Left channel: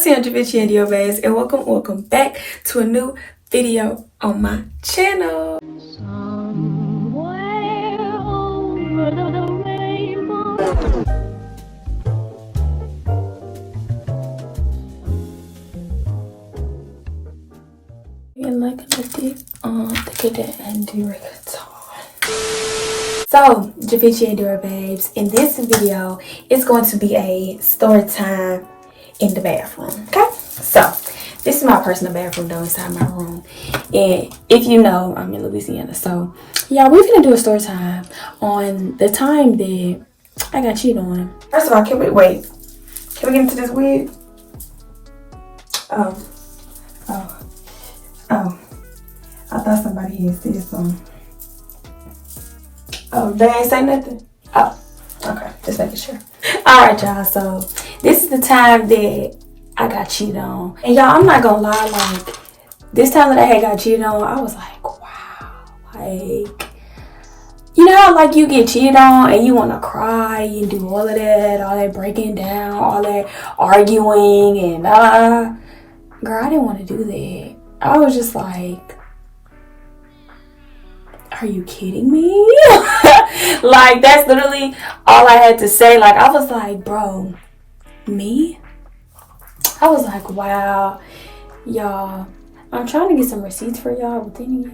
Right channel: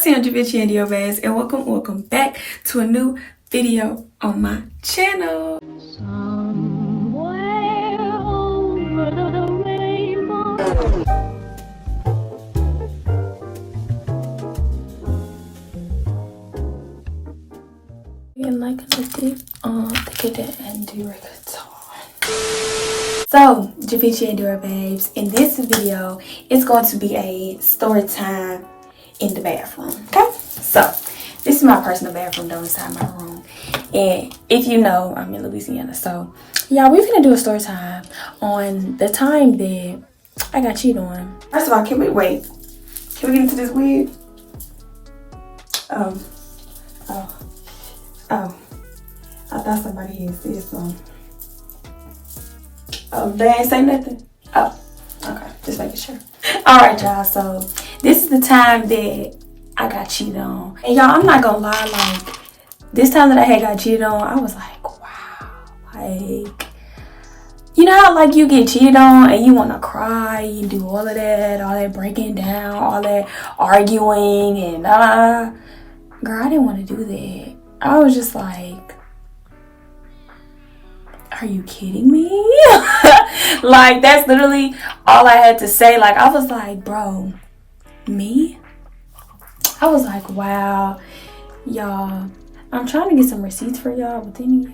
Lucy and Javinci and Diobez, and welcome back to a new video on my channel. Somewhere over the rainbow. Like a little to get that and do reggaeton. So, Javinci and Diobez, in this video, it's going to be a story time in the bathroom. Okay, so this is my personal bathroom though, inside my room, and if you know, I'm in Louisiana. So yeah, we're gonna do a story time on the time that I got cheated on. First of all, can we get into this wig? Oh, I thought somebody had said something. Oh, they ain't say nothing? Oh, okay, just making sure. All right, y'all, so this is the time that I got cheated on. And y'all, I'm not gonna lie, like, this time that I had got cheated on, I was like, wow. Like, you know how, like, you get cheated on and you want to cry, you do all that breaking down, all that arguing and girl, I didn't want to do that. I was just like, are you kidding me? Like, that's literally all I had to say. Like, I was like, bro, me? I was like, wow, y'all, I'm trying to get some receipts for y'all, but then, you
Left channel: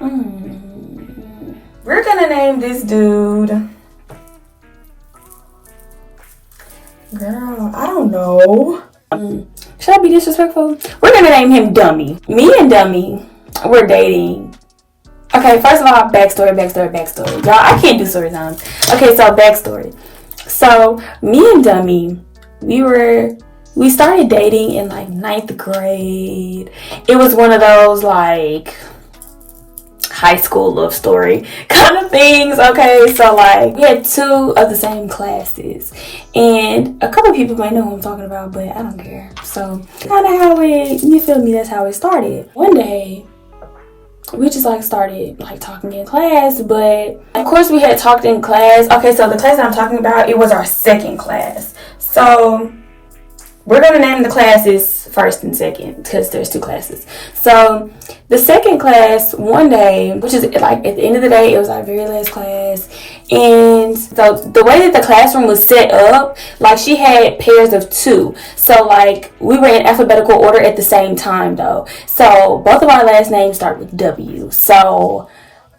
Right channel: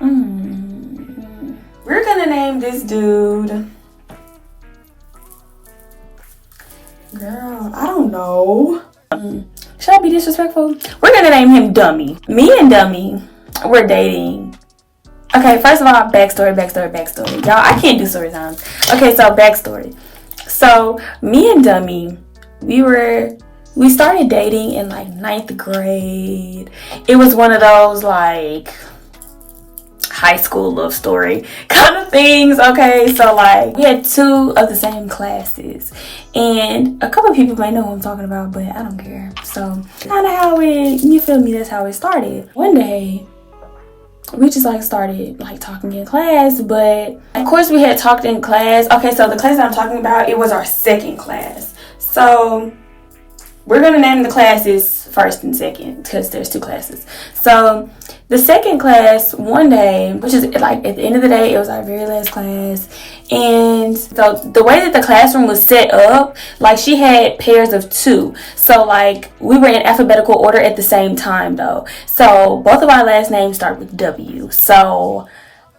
know, we're gonna name this dude, girl, I don't know. Should I be disrespectful? We're gonna name him Dummy. Me and Dummy, we're dating. Okay, first of all, backstory. Y'all, I can't do story times. Okay, so backstory. So me and Dummy, we started dating in like 9th grade. It was one of those like high school love story kind of things. Okay, so like we had 2 of the same classes, and a couple people may know who I'm talking about, but I don't care. So kind of how it, you feel me, that's how it started. One day we just like started like talking in class, but of course we had talked in class. Okay, so the class that I'm talking about, it was our second class. So we're gonna name the classes first and second because there's 2 classes. So the second class, one day, which is like at the end of the day, it was our very last class, and so the way that the classroom was set up, like she had pairs of 2, so like we were in alphabetical order at the same time though. So both of our last names start with W, so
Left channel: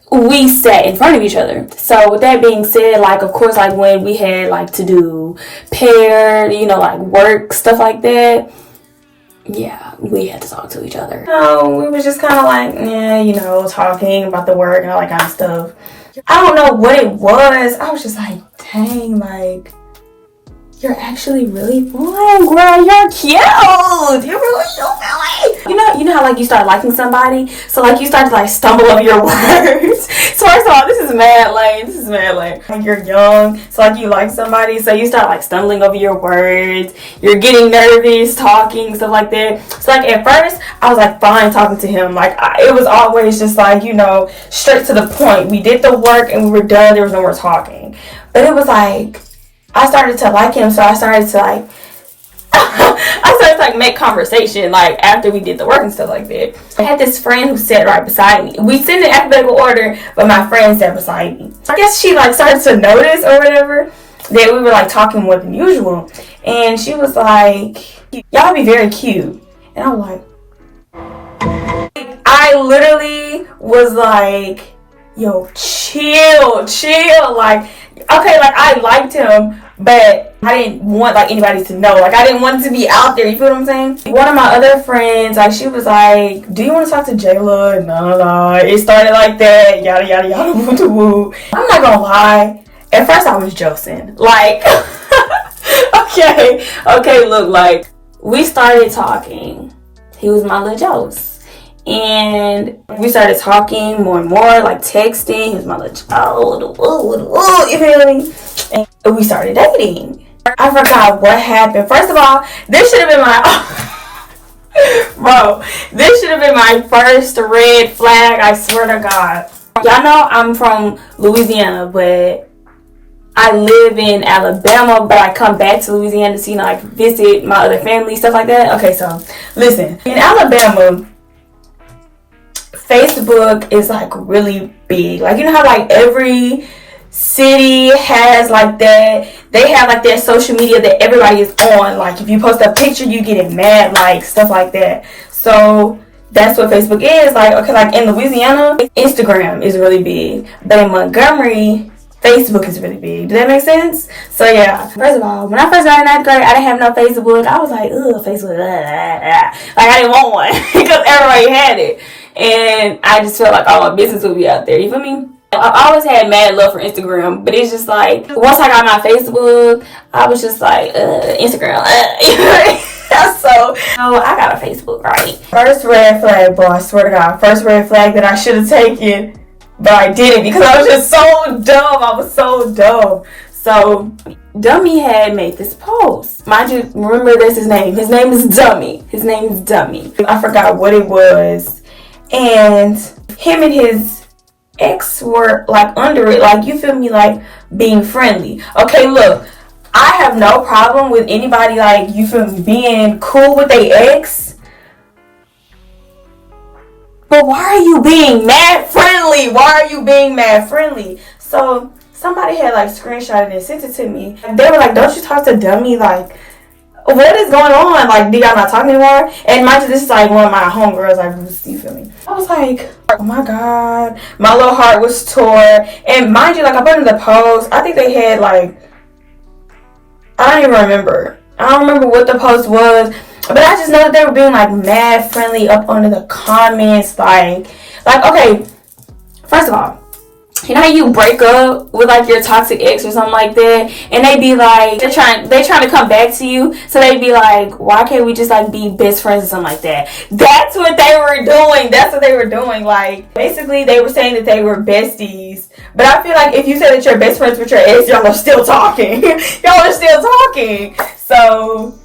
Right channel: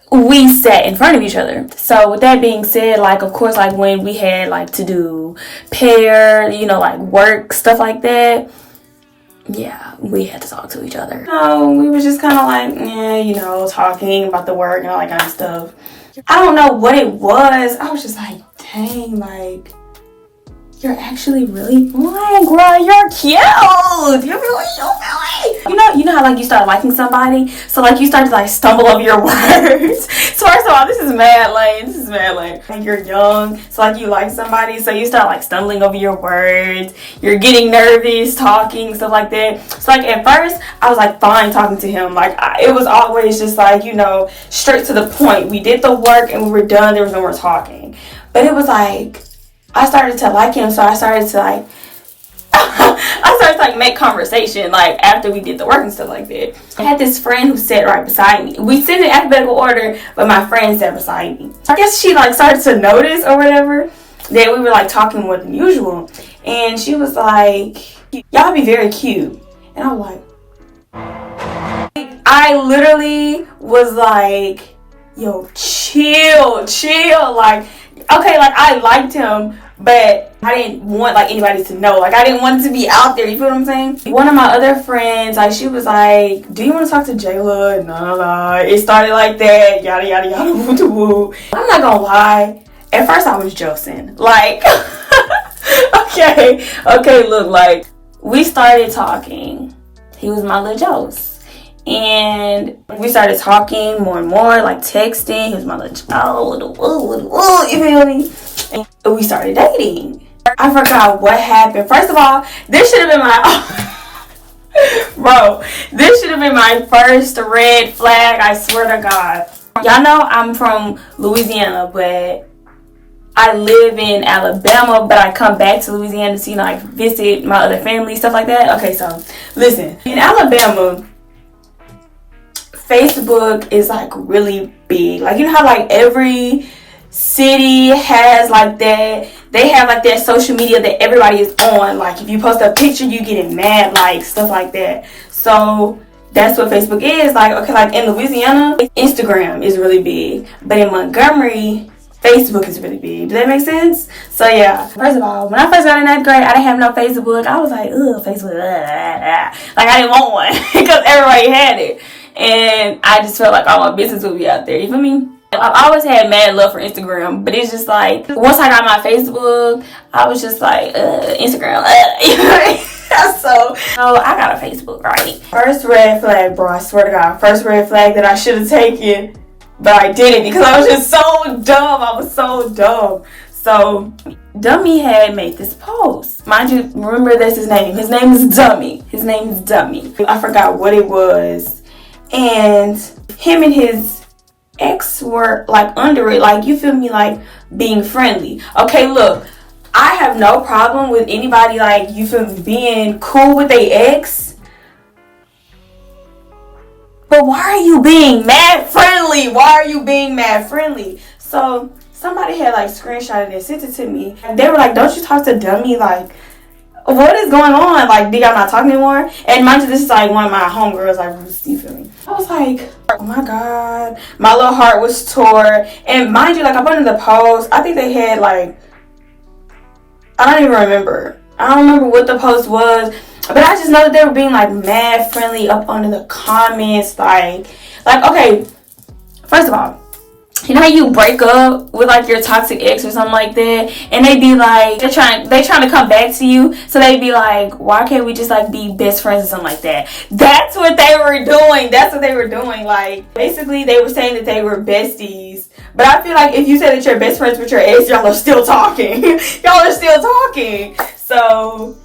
we sat in front of each other. So with that being said, like of course, like when we had like to do pair, you know, like work stuff like that, yeah, we had to talk to each other. So we were just kind of like, yeah, you know, talking about the work and all that kind of stuff. I don't know what it was. I was just like, dang, like, you're actually really fun, girl. You're cute. You're really so silly. You know how like you start liking somebody, so like you start to like stumble over your words. So first of all, this is mad lame. Like you're young, so like you like somebody, so you start like stumbling over your words. You're getting nervous, talking, stuff like that. So like at first, I was like fine talking to him. Like it was always just like, you know, straight to the point. We did the work and we were done. There was no more talking. But it was like, I started to like him, so I started to like make conversation like after we did the work and stuff like that. I had this friend who sat right beside me. We sit in alphabetical order, but my friend sat beside me. I guess she like started to notice or whatever that we were like talking more than usual, and she was like, "Y'all be very cute," and I'm like, I literally was like, "Yo, chill, like." Okay, like I liked him, but I didn't want like anybody to know. Like I didn't want it to be out there. You feel what I'm saying? One of my other friends, like she was like, "Do you want to talk to Jayla?" No. It started like that. Yada yada yada. Woo woo. I'm not gonna lie. At first I was joking. Like, okay. Look, like we started talking. He was my little Jose. And we started talking more and more, like texting. He was my little you feel me? And we started dating. I forgot what happened. First of all, this should have been my first red flag. I swear to God. Y'all know I'm from Louisiana, but I live in Alabama, but I come back to Louisiana to, like, visit my other family, stuff like that. Okay, so listen, in Alabama, Facebook is like really big. Like, you know how like every city has like that, they have like their social media that everybody is on. Like, if you post a picture, you get it mad, like stuff like that. So that's what Facebook is. Like, okay, like in Louisiana, Instagram is really big, but in Montgomery, Facebook is really big. Does that make sense? So yeah, first of all, when I first got in 9th grade, I didn't have no Facebook. I was like, ugh, Facebook, like I didn't want one because everybody had it, and I just felt like all my business would be out there. You feel me? I've always had mad love for Instagram, but it's just like once I got my Facebook, I was just like, Instagram. So I got a Facebook, right? First red flag, bro. I swear to God, first red flag that I should have taken. But I didn't because I was just so dumb. I was so dumb. So, Dummy had made this post. Mind you, remember that's his name. His name is Dummy. His name is Dummy. I forgot what it was. And him and his ex were like under it. Like, you feel me? Like being friendly. Okay, look. I have no problem with anybody, like, you feel me, being cool with their ex. But why are you being mad friendly? Why are you being mad friendly? So somebody had like screenshotted and sent it to me. And they were like, don't you talk to Dummy? Like, what is going on? Like, do y'all not talk anymore? And mind you, this is like one of my homegirls, like, you feel me? I was like, oh my God. My little heart was tore. And mind you, like, I put in the post, I think they had like, I don't even remember. I don't remember what the post was. But I just know that they were being like mad friendly up under the comments. Like, okay, first of all, you know how you break up with like your toxic ex or something like that, and they be like, they're trying to come back to you, so they be like, why can't we just like be best friends or something like that? That's what they were doing. That's what they were doing. Like, basically they were saying that they were besties. But I feel like if you say that you're best friends with your ex, y'all are still talking. Y'all are still talking. So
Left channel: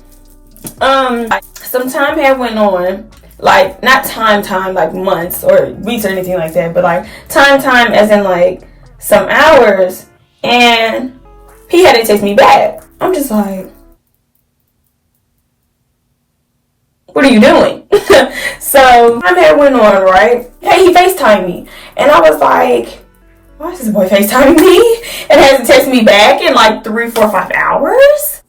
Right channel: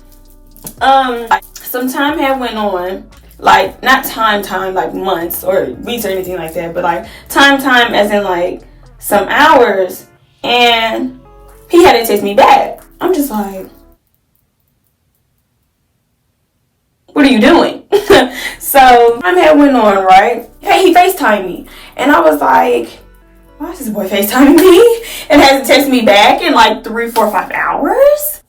some time had went on, like not time like months or weeks or anything like that, but like time as in like some hours, and he had to text me back. I'm just like, what are you doing? So time had went on, right? Hey, he FaceTimed me, and I was like, why is this boy FaceTiming me and hasn't texted me back in like 3, 4, 5 hours?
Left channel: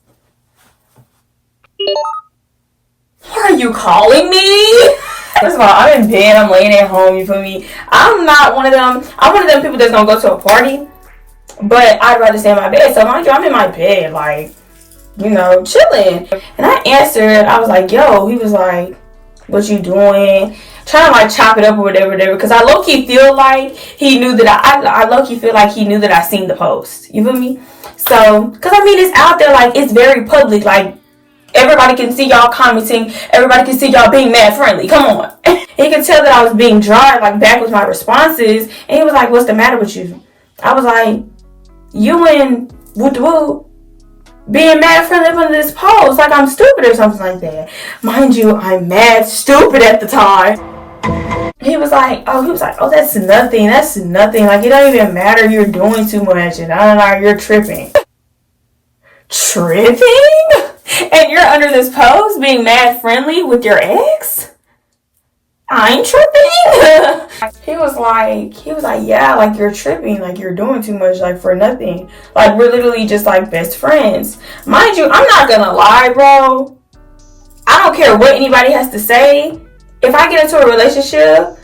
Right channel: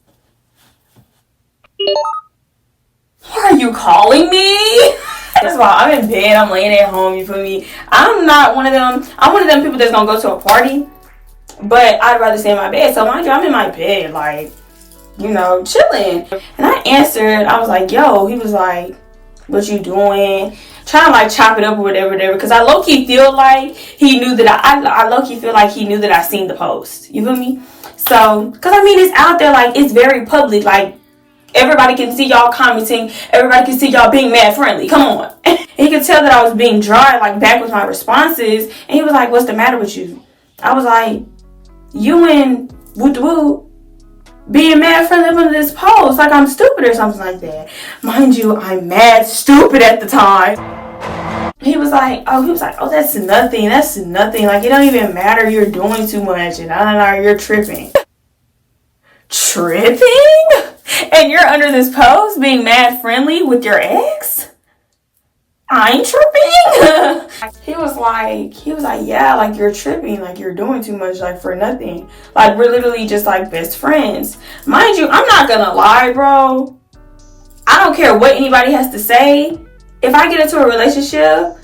Why are you calling me? First of all, I'm in bed, I'm laying at home, you feel me? I'm not one of them, I'm one of them people that's gonna go to a party, but I'd rather stay in my bed. So mind you, I'm in my bed, like, you know, chilling. And I answered, I was like, yo, he was like, what you doing? Trying to like chop it up or whatever, because I low-key feel like he knew that I low-key feel like he knew that I seen the post. You feel me? So, because I mean, it's out there, like, it's very public, like, everybody can see y'all commenting. Everybody can see y'all being mad friendly. Come on. He could tell that I was being dry, like, back with my responses. And he was like, what's the matter with you? I was like, you and woo being mad friendly under this post. Like I'm stupid or something like that. Mind you, I'm mad stupid at the time. He was like, oh, that's nothing. Like, it don't even matter. You're doing too much. And you're tripping. Tripping? And you're under this post being mad friendly with your ex? I ain't tripping. He was like, yeah, like you're tripping, like you're doing too much, like for nothing. Like we're literally just like best friends. Mind you, I'm not gonna lie, bro. I don't care what anybody has to say. If I get into a relationship,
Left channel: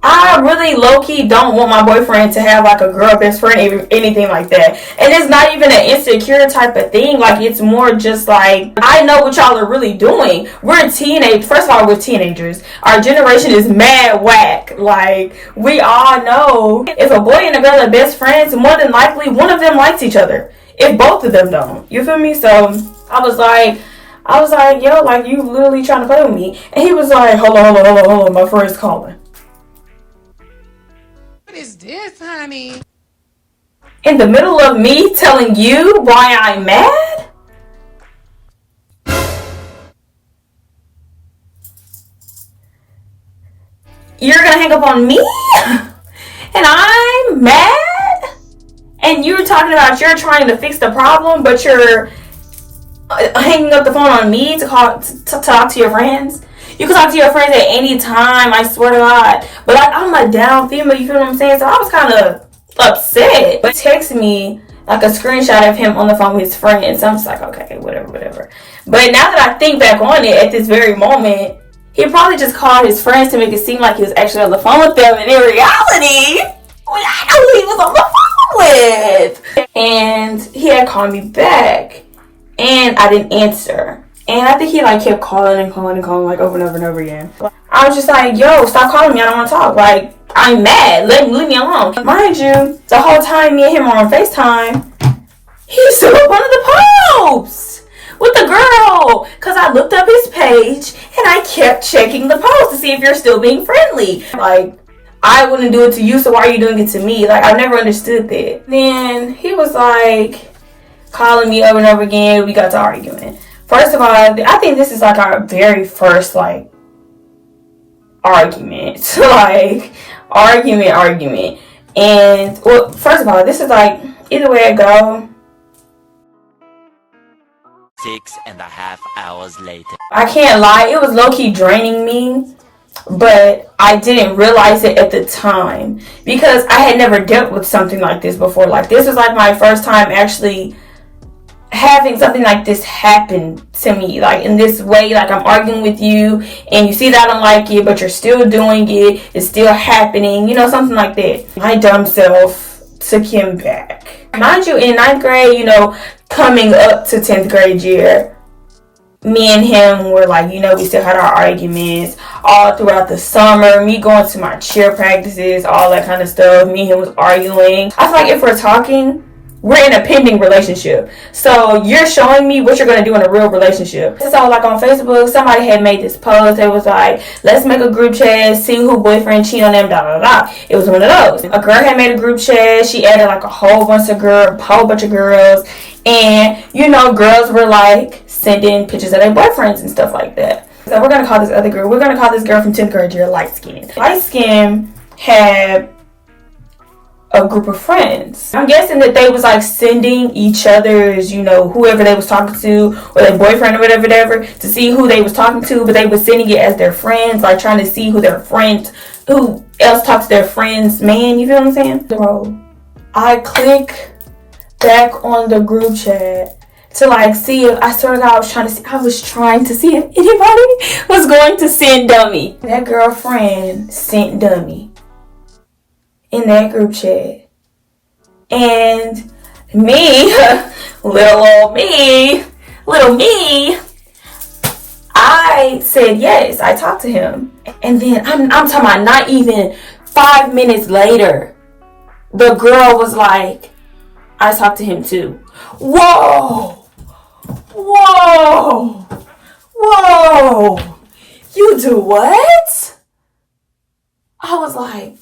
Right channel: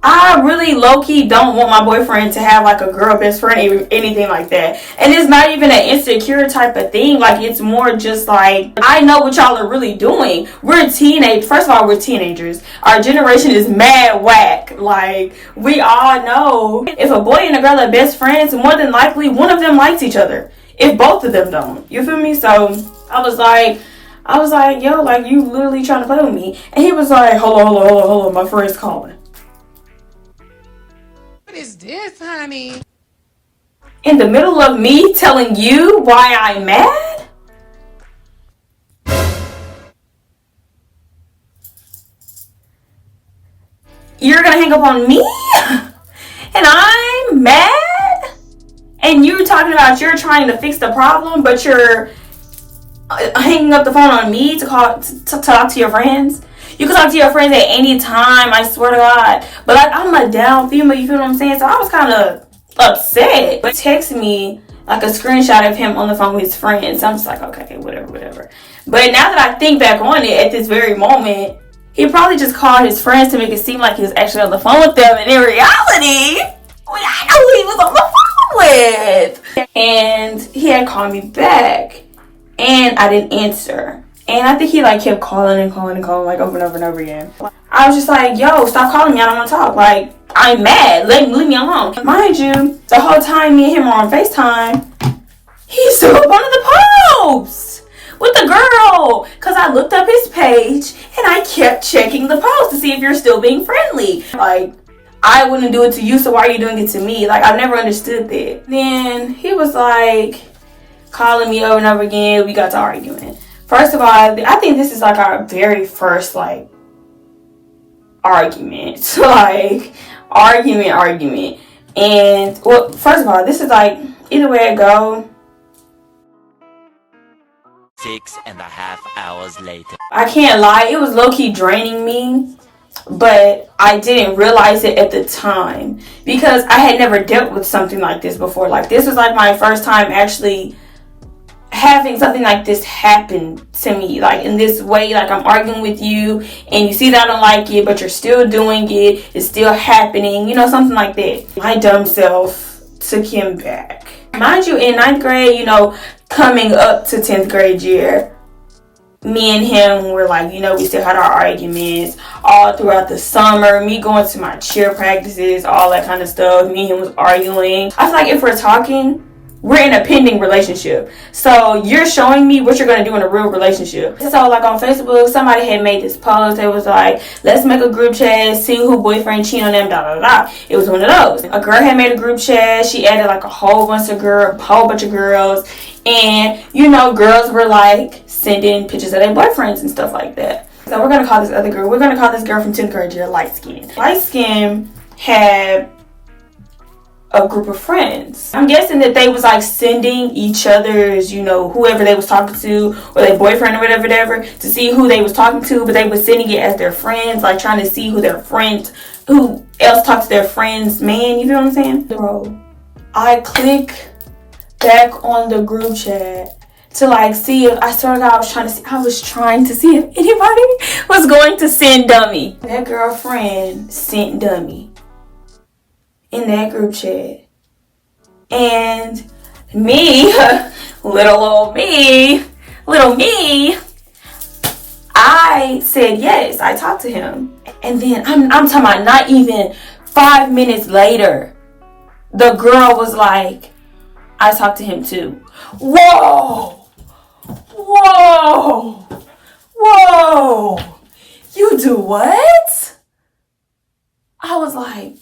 I really low-key don't want my boyfriend to have like a girl best friend, anything like that. And it's not even an insecure type of thing. Like, it's more just like, I know what y'all are really doing. First of all, we're teenagers. Our generation is mad whack. Like, we all know if a boy and a girl are best friends, more than likely one of them likes each other. If both of them don't. You feel me? So I was like, yo, like, you literally trying to play with me. And he was like, hold on, my friend's calling. What is this, honey? In the middle of me telling you why I'm mad? You're gonna hang up on me? And I'm mad? And you're talking about you're trying to fix the problem, but you're hanging up the phone on me to talk to your friends. You can talk to your friends at any time, I swear to God. But like, I'm a down female, you feel what I'm saying? So I was kind of upset. But text me like a screenshot of him on the phone with his friends. So I'm just like, okay, whatever. But now that I think back on it, at this very moment, he probably just called his friends to make it seem like he was actually on the phone with them. And in reality, I know who he was on the phone with. And he had called me back. And I didn't answer. And I think he like kept calling like over and over again. I was just like, yo, stop calling me. I don't want to talk. Like, I'm mad. Leave me alone. Mind you, the whole time me and him were on FaceTime, he still up one of the posts with the girl. Because I looked up his page and I kept checking the post to see if you're still being friendly. Like, I wouldn't do it to you, so why are you doing it to me? Like, I've never understood that. Then he was like calling me over and over again. We got to arguing. First of all, I think this is like our very first like argument. So like argument. And well, first of all, this is like either way it go. 6.5 hours later. I can't lie, it was low-key draining me, but I didn't realize it at the time because I had never dealt with something like this before. Like, this was like my first time actually having something like this happen to me, like in this way. Like, I'm arguing with you and you see that I don't like it, but you're still doing it, it's still happening, you know, something like that. My dumb self took him back. Mind you, in 9th grade, you know, coming up to 10th grade year, me and him were like, you know, we still had our arguments all throughout the summer, me going to my cheer practices, all that kind of stuff. Me and him was arguing. I feel like if we're talking, we're in a pending relationship. So you're showing me what you're going to do in a real relationship. So like on Facebook, somebody had made this post. It was like, let's make a group chat, see who boyfriend cheat on them, It was one of those. A girl had made a group chat. She added like a whole bunch of girls. And, you know, girls were like sending pictures of their boyfriends and stuff like that. So we're going to call this other girl. We're going to call this girl from 10th grade year light skin. Light skin had a group of friends. I'm guessing that they was like sending each other's, you know, whoever they was talking to or their boyfriend or whatever to see who they was talking to, but they was sending it as their friends, like trying to see who else talked to their friends, man, you feel what I'm saying? So I click back on the group chat to like see if I was trying to see if anybody was going to send dummy. That girlfriend sent dummy in that group chat. And me, little me, I said yes. I talked to him. And then I'm talking about not even 5 minutes later, the girl was like, I talked to him too. Whoa! You do what? I was like,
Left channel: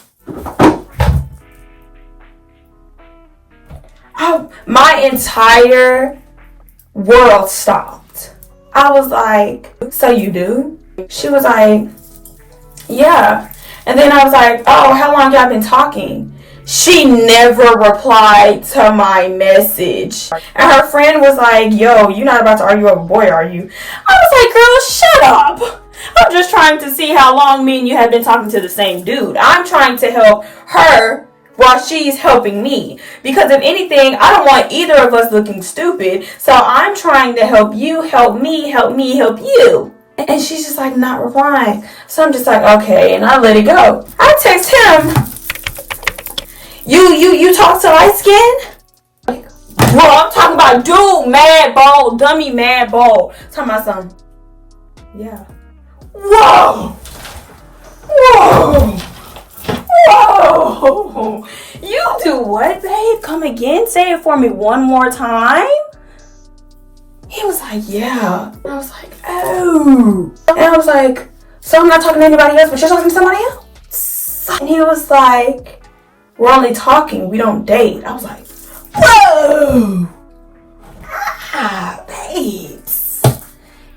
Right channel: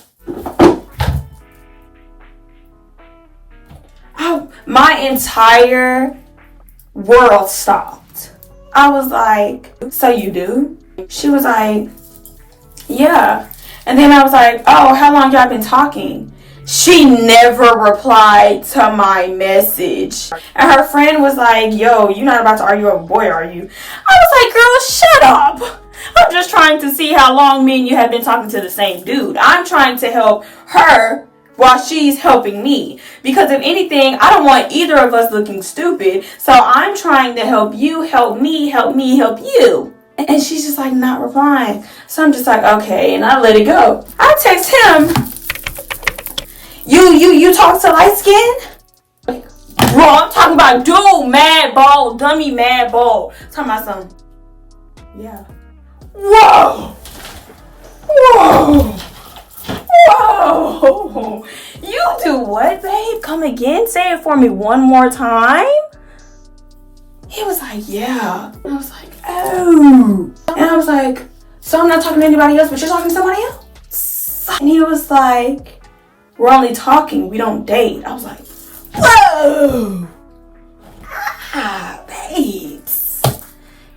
my entire world stopped. I was like, so you do? She was like, yeah. And then I was like, oh, how long y'all been talking? She never replied to my message. And her friend was like, yo, you're not about to argue over a boy, are you? I was like, girl, shut up. I'm just trying to see how long me and you have been talking to the same dude. I'm trying to help her while she's helping me. Because if anything, I don't want either of us looking stupid. So I'm trying to help you, help me, help you. And she's just like not replying. So I'm just like, okay, and I let it go. I text him, you talk to light skin? Like, bro, I'm talking about dude, mad ball, dummy mad ball. Talking about something. Yeah. Whoa! You do what, babe? Come again? Say it for me one more time? He was like, yeah. And I was like, oh. And I was like, so I'm not talking to anybody else, but you're talking to somebody else? And he was like, we're only talking, we don't date. I was like, whoa! Ah, babes.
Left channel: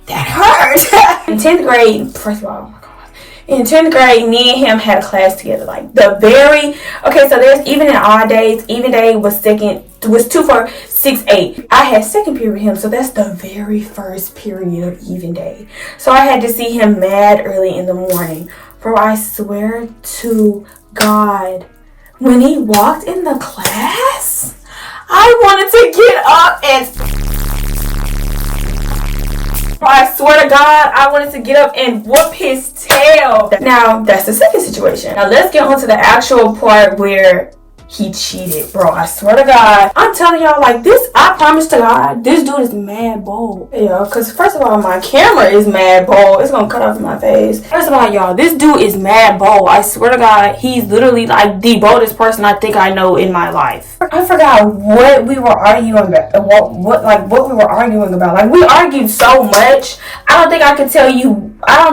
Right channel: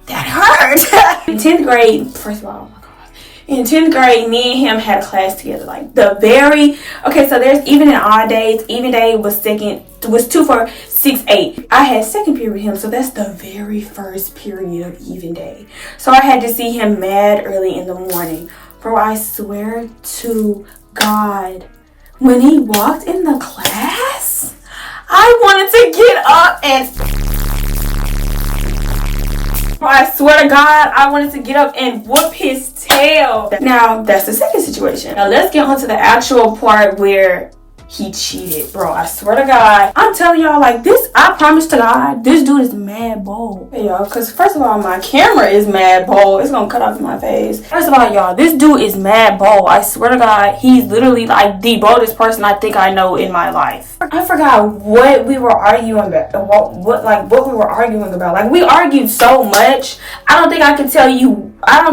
That hurt. In 10th grade, first of all, oh my God. In 10th grade, me and him had a class together. Like so there's even in odd days. Even day was 2 4 6 8. I had second period with him, so that's the very first period of even day. So I had to see him mad early in the morning. Bro, I swear to God, when he walked in the class, I wanted to get up and... I swear to God, I wanted to get up and whoop his tail. Now, that's the second situation. Now, let's get on to the actual part where he cheated. Bro, I swear to God. I'm telling y'all, like, this, I promise to God, this dude is mad bold. Yeah, because first of all, my camera is mad bold. It's going to cut off my face. First of all, y'all, this dude is mad bold. I swear to God, he's literally, like, the boldest person I think I know in my life. I forgot what we were arguing about. What we were arguing about. Like, we argued so much. I don't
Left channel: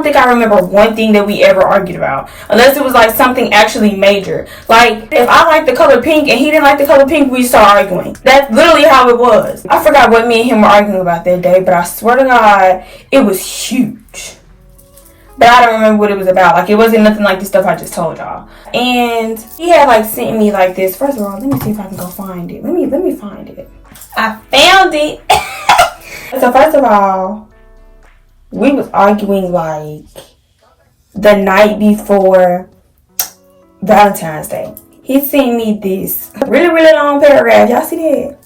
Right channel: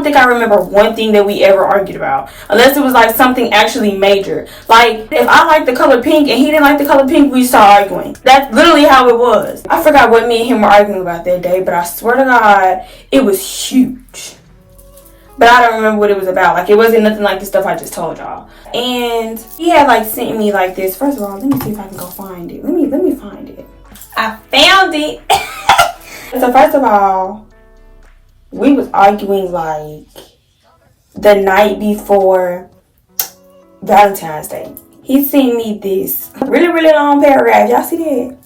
think I remember one thing that we ever argued about. Unless it was, like, something actually major. Like, if I like the color pink and he didn't like the color pink, we start arguing. That's literally how it was. I forgot what me and him were arguing about that day, but I swear to God, it was huge. But I don't remember what it was about. Like, it wasn't nothing like the stuff I just told y'all. And he had, like, sent me, like, this. First of all, let me see if I can go find it. Let me find it. I found it. So, first of all, we was arguing, like, the night before Valentine's Day. He sent me this really, really long paragraph. Y'all see that?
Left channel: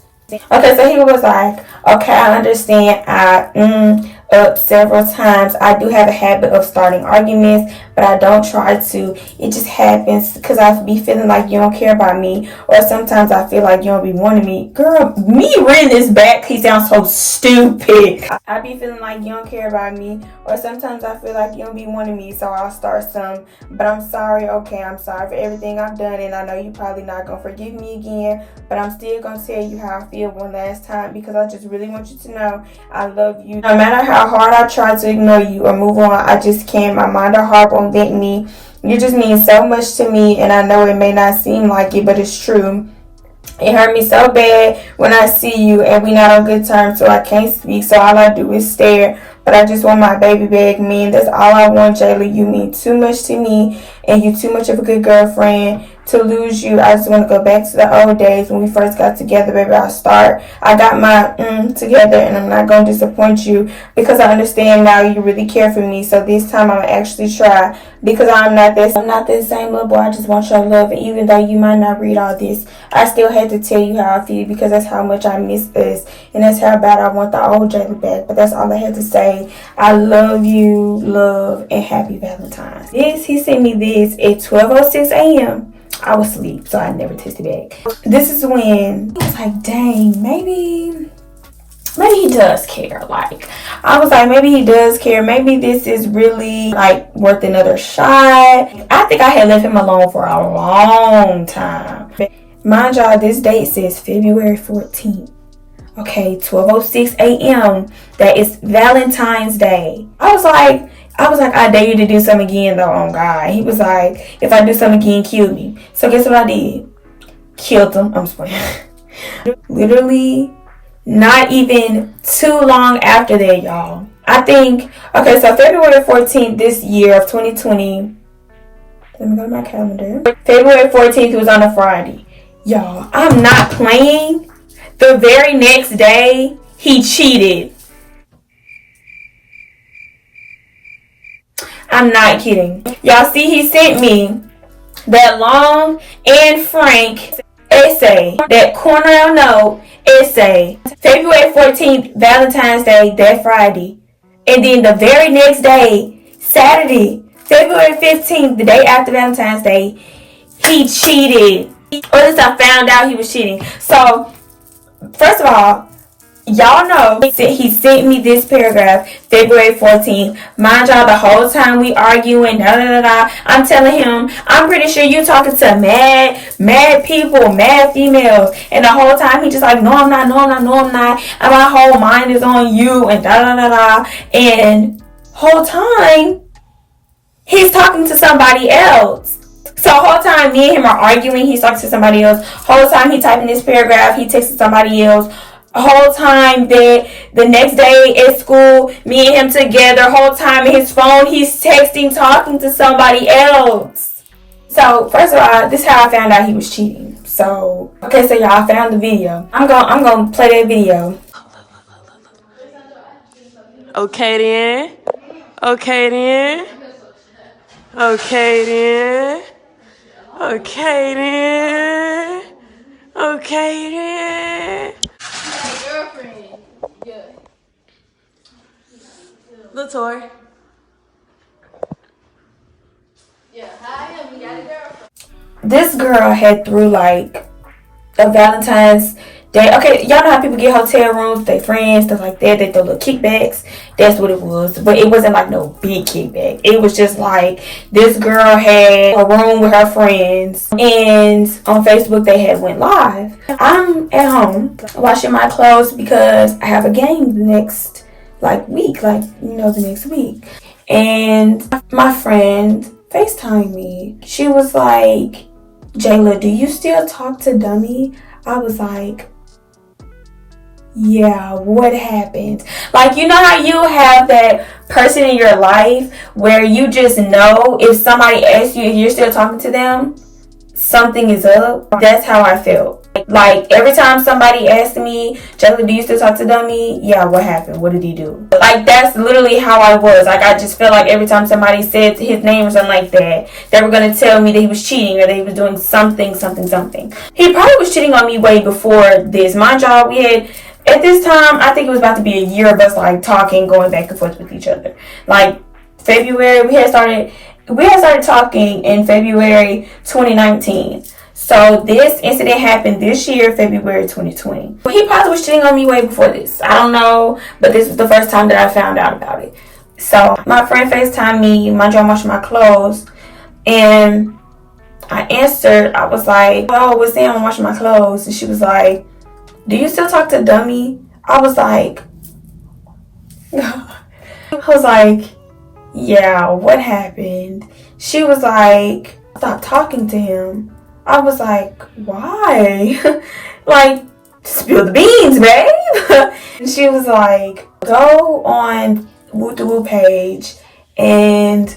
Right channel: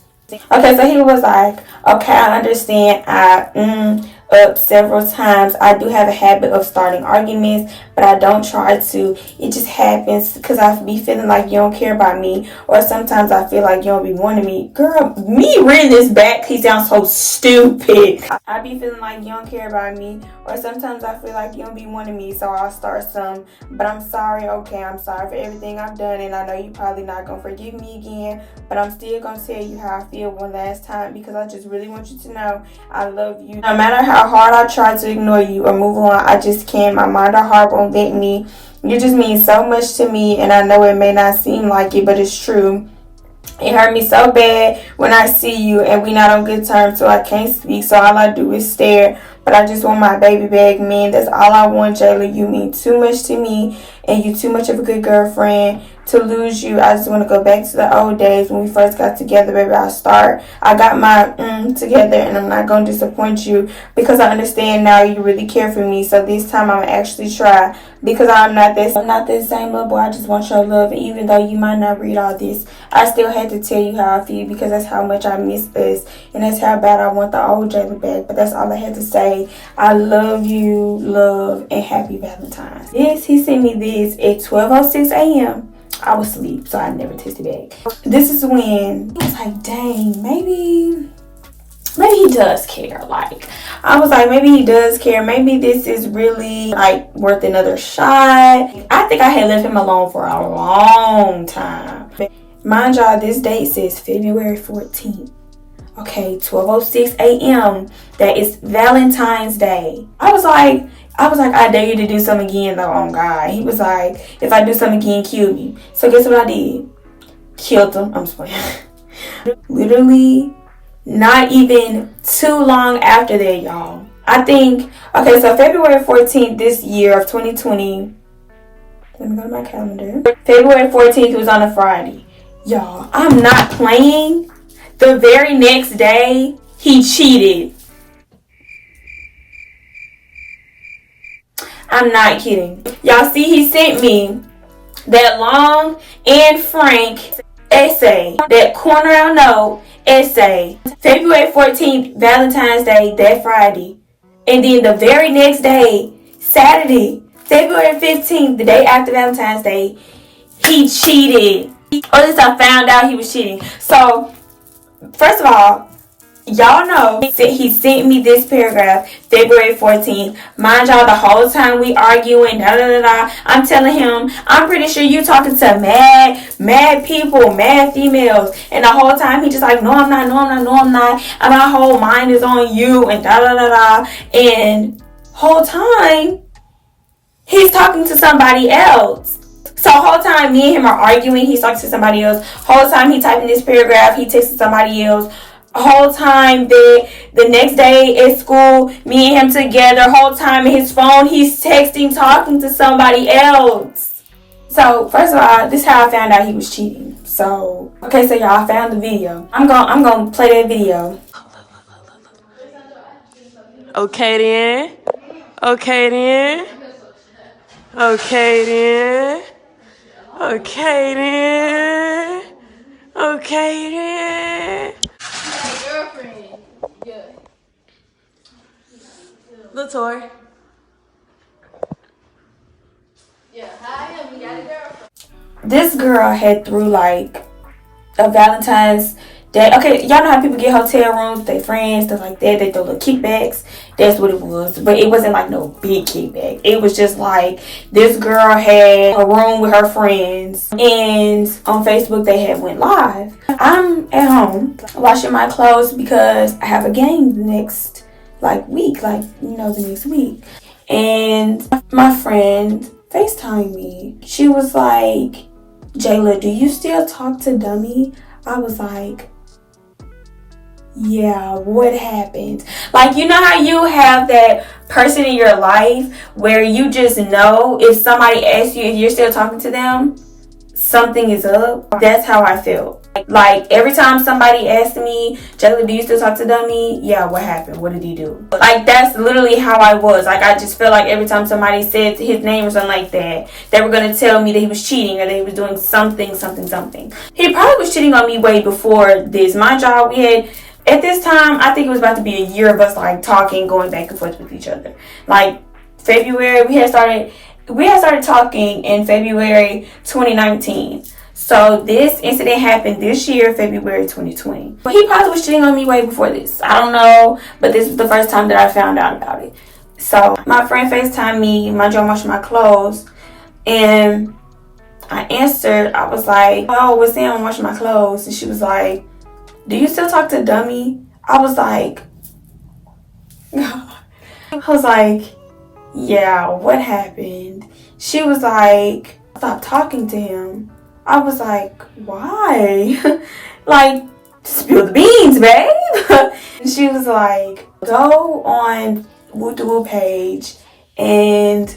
Okay, so he was like, okay, I understand. Up several times. I do have a habit of starting arguments, but I don't try to. It just happens because I be feeling like you don't care about me, or sometimes I feel like you don't be wanting me. Girl, me reading this back, he sounds so stupid. I be feeling like you don't care about me, or sometimes I feel like you don't be wanting me, so I'll start some. But I'm sorry, okay, I'm sorry for everything I've done, and I know you probably not gonna forgive me again, but I'm still gonna tell you how I feel one last time because I just really want you to know I love you. No matter how hard I try to ignore you or move on, I just can't. My mind or heart won't let me. You just mean so much to me, and I know it may not seem like it, but it's true. It hurt me so bad when I see you and we not on good terms, so I can't speak, so all I do is stare. But I just want my baby back, man. That's all I want, Jayla. You mean too much to me, and you too much of a good girlfriend to lose you. I just want to go back to the old days when we first got together, baby. I got my together, and I'm not going to disappoint you because I understand now you really care for me. So this time I'm actually try because I'm not this same little boy. I just want your love, and even though you might not read all this, I still had to tell you how I feel because that's how much I miss us, and that's how bad I want the old Jayla back. But that's all I had to say. I love you, love, and happy Valentine's. He sent me this at 12:06 a.m. I was asleep, so I never texted back. This is when I was like, dang, maybe he does care. Like, I was like, maybe he does care. Maybe this is really, like, worth another shot. I think I had left him alone for a long time. Mind y'all, this date says February 14th. Okay, 12:06 a.m. That is Valentine's Day. I was like, I dare you to do something again, though, on God. He was like, if I do something again, kill me. So guess what I did? Killed him. I'm just playing. Literally, not even too long after that, y'all. I think, okay, so February 14th this year of 2020. Let me go to my calendar. February 14th was on a Friday. Y'all, I'm not playing. The very next day, he cheated. I'm not kidding. Y'all see, he sent me that long and frank essay, that corner note essay, February 14th, Valentine's Day, that Friday. And then the very next day, Saturday, February 15th, the day after Valentine's Day, he cheated. Or at least I found out he was cheating. So, first of all, y'all know he sent me this paragraph February 14th. Mind y'all, the whole time we arguing, I'm telling him, I'm pretty sure you talking to mad people, mad females. And the whole time he just like, no, I'm not. And my whole mind is on you and And whole time, he's talking to somebody else. So whole time me and him are arguing, he's talking to somebody else. Whole time he typing this paragraph, he texting somebody else. Whole time that the next day at school, me and him together, whole time in his phone, he's texting, talking to somebody else. So first of all, this is how I found out he was cheating. So okay, so y'all, I found the video. I'm gonna play that video. Okay then. Okay then. Okay then. Okay then. Okay then. Girlfriend. Yeah. Latour. Yeah. Hi, we got a girlfriend. This girl had threw like a Valentine's Day. Okay, y'all know how people get hotel rooms with their friends, stuff like that. They throw little kickbacks. That's what it was. But it wasn't like no big kickback. It was just like this girl had a room with her friends, and on Facebook they had went live. I'm at home washing my clothes because I have a game the next week, the next week. And my friend FaceTimed me. She was like, "Jayla, do you still talk to Dummy?" I was like, yeah, what happened? Like, you know how you have that person in your life where you just know if somebody asks you if you're still talking to them, something is up? That's how I felt. Like, every time somebody asked me, Jessica, do you still talk to Dummy? Yeah, what happened? What did he do? Like, that's literally how I was. Like, I just felt like every time somebody said his name or something like that, they were going to tell me that he was cheating or that he was doing something. He probably was cheating on me way before this. Mind y'all, we had, at this time, I think it was about to be a year of us, like, talking, going back and forth with each other. Like, February, we had started talking in February 2019. So this incident happened this year, February 2020. He probably was cheating on me way before this. I don't know, but this was the first time that I found out about it. So my friend FaceTimed me, mind you, I'm washing my clothes, and I answered. I was like, "Oh, what's Sam? I'm washing my clothes," and she was like, "Do you still talk to Dummy?" I was like, yeah, what happened? She was like, stop talking to him. I was like, why? Like, spill the beans, babe. And she was like, go on Woo the Woo page and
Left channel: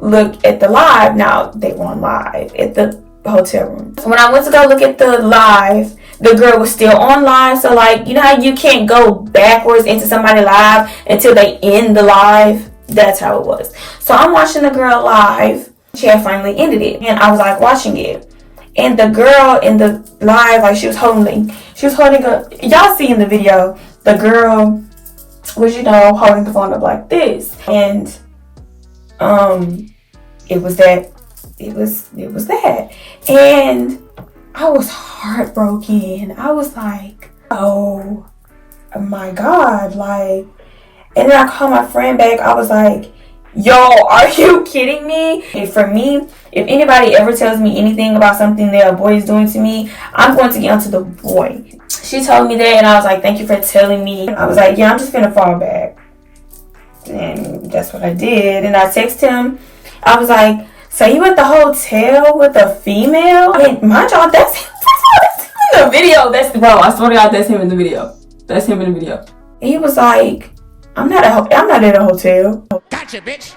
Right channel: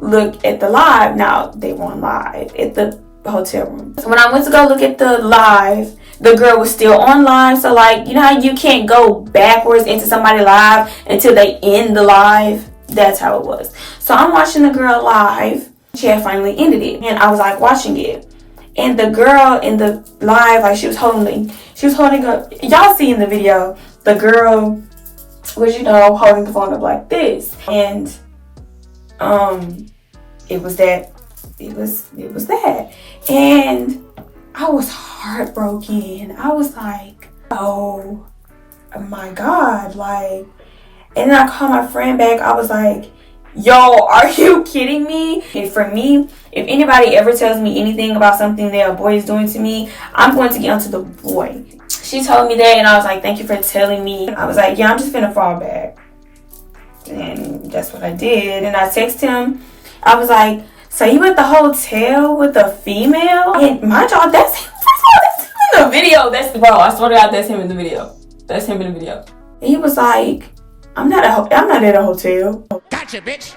look at the live. Now, they were on live at the hotel room. So when I went to go look at the live, the girl was still on live. So, like, you know how you can't go backwards into somebody live until they end the live? That's how it was. So I'm watching the girl live. She had finally ended it, and I was like watching it. And the girl in the live, like, she was holding a, y'all see in the video, the girl was, holding the phone up like this. And it was that. And I was heartbroken. I was like, oh my God, like. And then I called my friend back. I was like, yo, are you kidding me? And for me, if anybody ever tells me anything about something that a boy is doing to me, I'm going to get onto the boy. She told me that, and I was like, thank you for telling me. I was like, yeah, I'm just going to fall back. And that's what I did. And I texted him. I was like, so you at the hotel with a female? And mind y'all, that's him in the video. Bro, I swear to God, that's him in the video. That's him in the video. And he was like, I'm not at a hotel. Gotcha, bitch.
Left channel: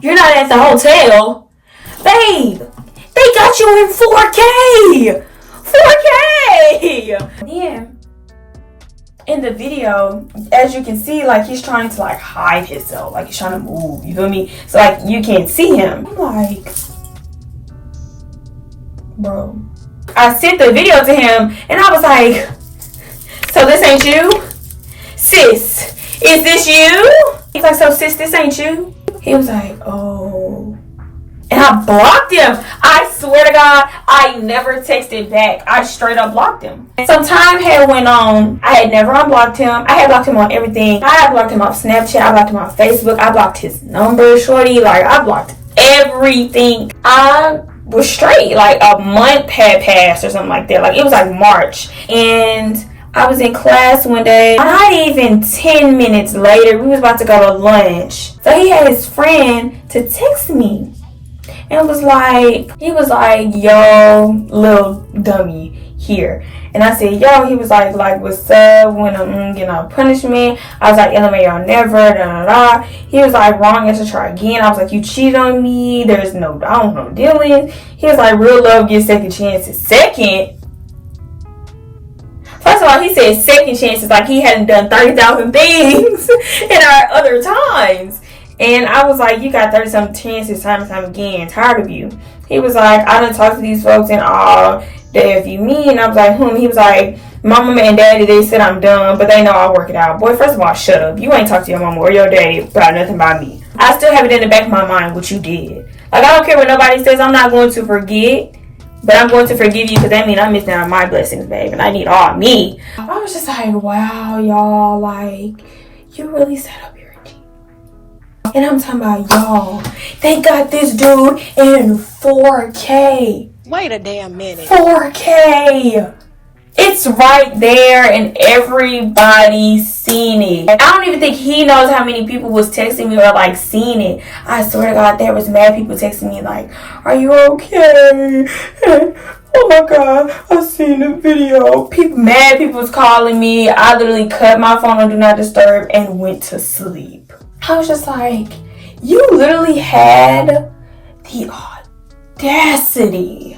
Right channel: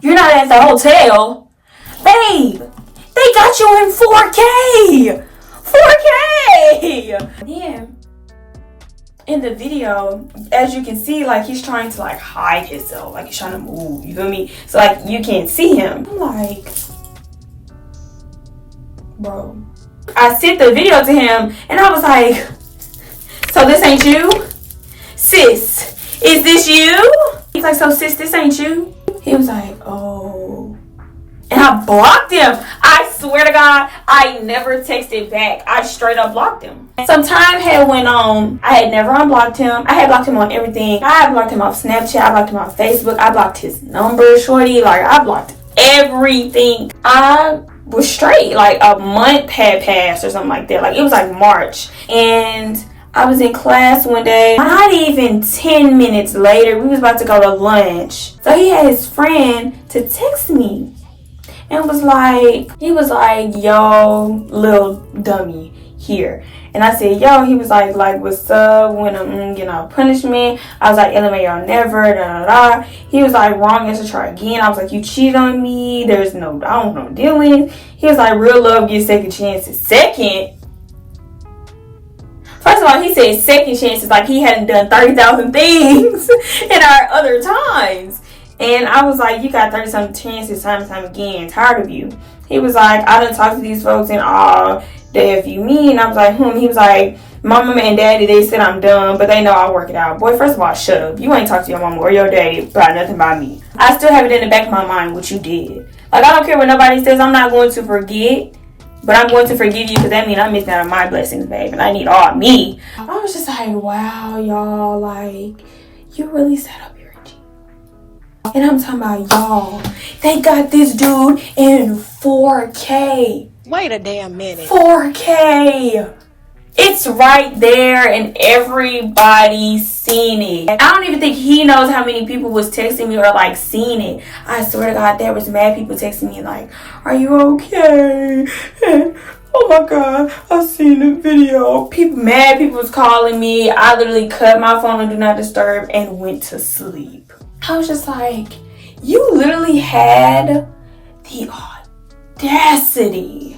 You're not at the hotel. Babe, they got you in 4K. 4K. Yeah. In the video, as you can see, like, he's trying to, like, hide himself. Like, he's trying to move. You feel me? So, like, you can't see him. I'm like, bro. I sent the video to him, and I was like, so this ain't you? Sis, is this you? He's like, so sis, this ain't you? He was like, oh. And I blocked him. I swear to God, I never texted back. I straight up blocked him. Some time had went on. I had never unblocked him. I had blocked him on everything. I had blocked him off Snapchat. I blocked him off Facebook. I blocked his number, shorty. Like, I blocked everything. I was straight. Like, a month had passed or something like that. Like, it was like March. And I was in class one day. Not even 10 minutes later, we was about to go to lunch. So he had his friend to text me. and he was like, yo, little dummy here. And I said, yo, he was like, what's up? When I'm getting a punishment. I was like, LMAO never, da da da. He was like, wrong answer, try again. I was like, you cheated on me. There's no, I don't know, dealings. He was like, real love gives second chances. Second? First of all, he said second chances, like he hadn't done 30,000 things in our other times. And I was like, you got 30-something chances time and time again. Tired of you. He was like, I done talked to these folks and all day if you mean. And I was like, He was like, my mama and daddy, they said I'm dumb, but they know I'll work it out. Boy, first of all, shut up. You ain't talked to your mama or your daddy about nothing about me. I still have it in the back of my mind what you did. Like, I don't care what nobody says. I'm not going to forget. But I'm going to forgive you because that means I'm missing out on my blessings, babe. And I need all me. I was just like, wow, y'all. Like, you really set up your team. And I'm talking about, y'all, they got this dude in 4K. Wait a damn minute. 4K. It's right there and everybody's seen it. I don't even think he knows how many people was texting me or like seen it. I swear to God, there was mad people texting me like, are you okay? Oh my God, I seen the video. Mad people was calling me. I literally cut my phone on Do Not Disturb and went to sleep. I was just like, you literally had the audacity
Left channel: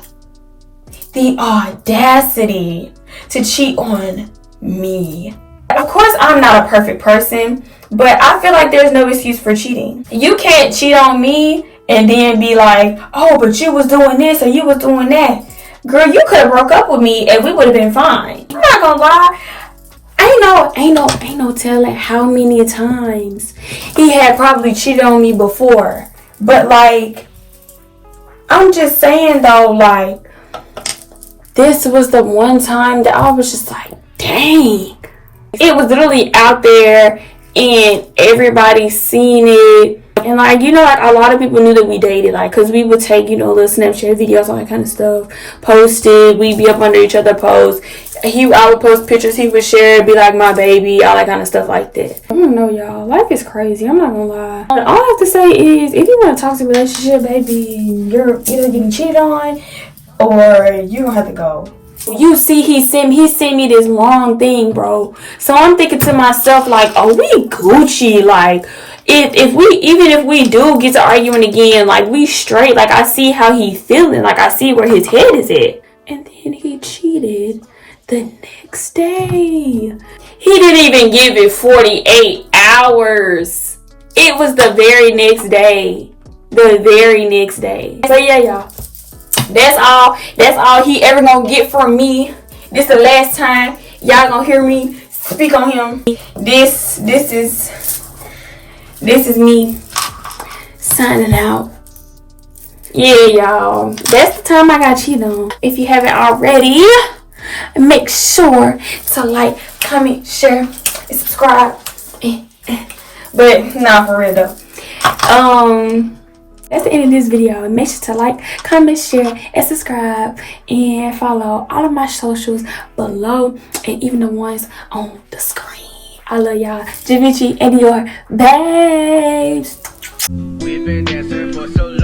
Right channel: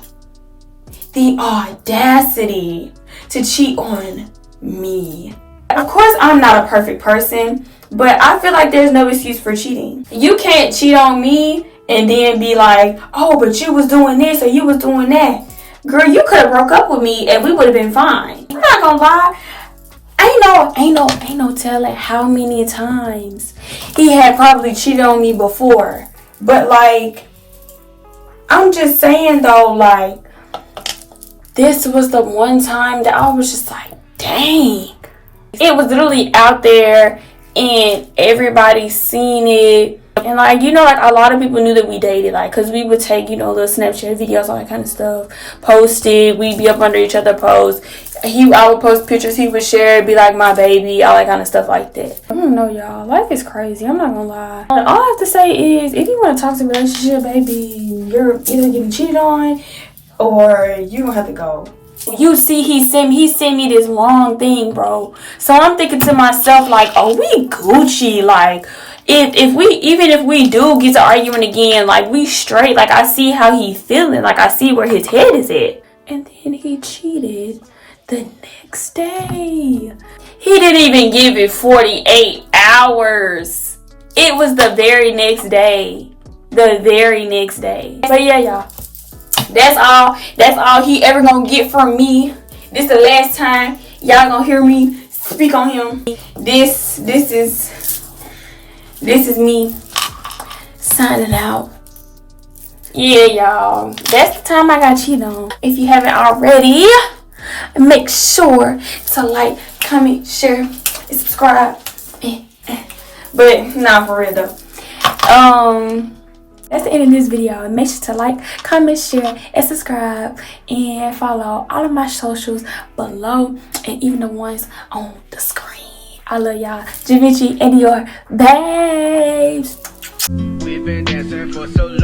to cheat on me. Of course, I'm not a perfect person, but I feel like there's no excuse for cheating. You can't cheat on me and then be like, oh, but you was doing this or you was doing that. Girl, you could have broke up with me and we would have been fine. I'm not gonna lie. Ain't no telling how many times he had probably cheated on me before. But like, I'm just saying though, like, this was the one time that I was just like, dang. It was literally out there and everybody seen it. And like, you know, like a lot of people knew that we dated, like, cause we would take, you know, little Snapchat videos, all that kind of stuff, post it, we'd be up under each other posts. I would post pictures, he would share, be like my baby, all that kind of stuff like that. I don't know, y'all, life is crazy, I'm not gonna lie. All I have to say is, if you want to talk to a relationship, baby, you're either getting cheated on or you don't have to go. You see, he sent me this long thing, bro. So I'm thinking to myself, like, oh, we Gucci. Like, if we do get to arguing again, like, we straight. Like, I see how he feeling. Like, I see where his head is at. And then he cheated the next day. He didn't even give it 48 hours. It was the very next day. The very next day. So yeah, y'all. That's all he ever gonna get from me. This the last time y'all gonna hear me speak on him. This is me signing out. Yeah, y'all. That's the time I got cheated on. If you haven't already, make sure to like, comment, share, and subscribe. But nah, for real though. That's the end of this video. Make sure to like, comment, share, and subscribe. And follow all of my socials below. And even the ones on the screen. I love y'all. Javici and your babes. We've been dancing for so long.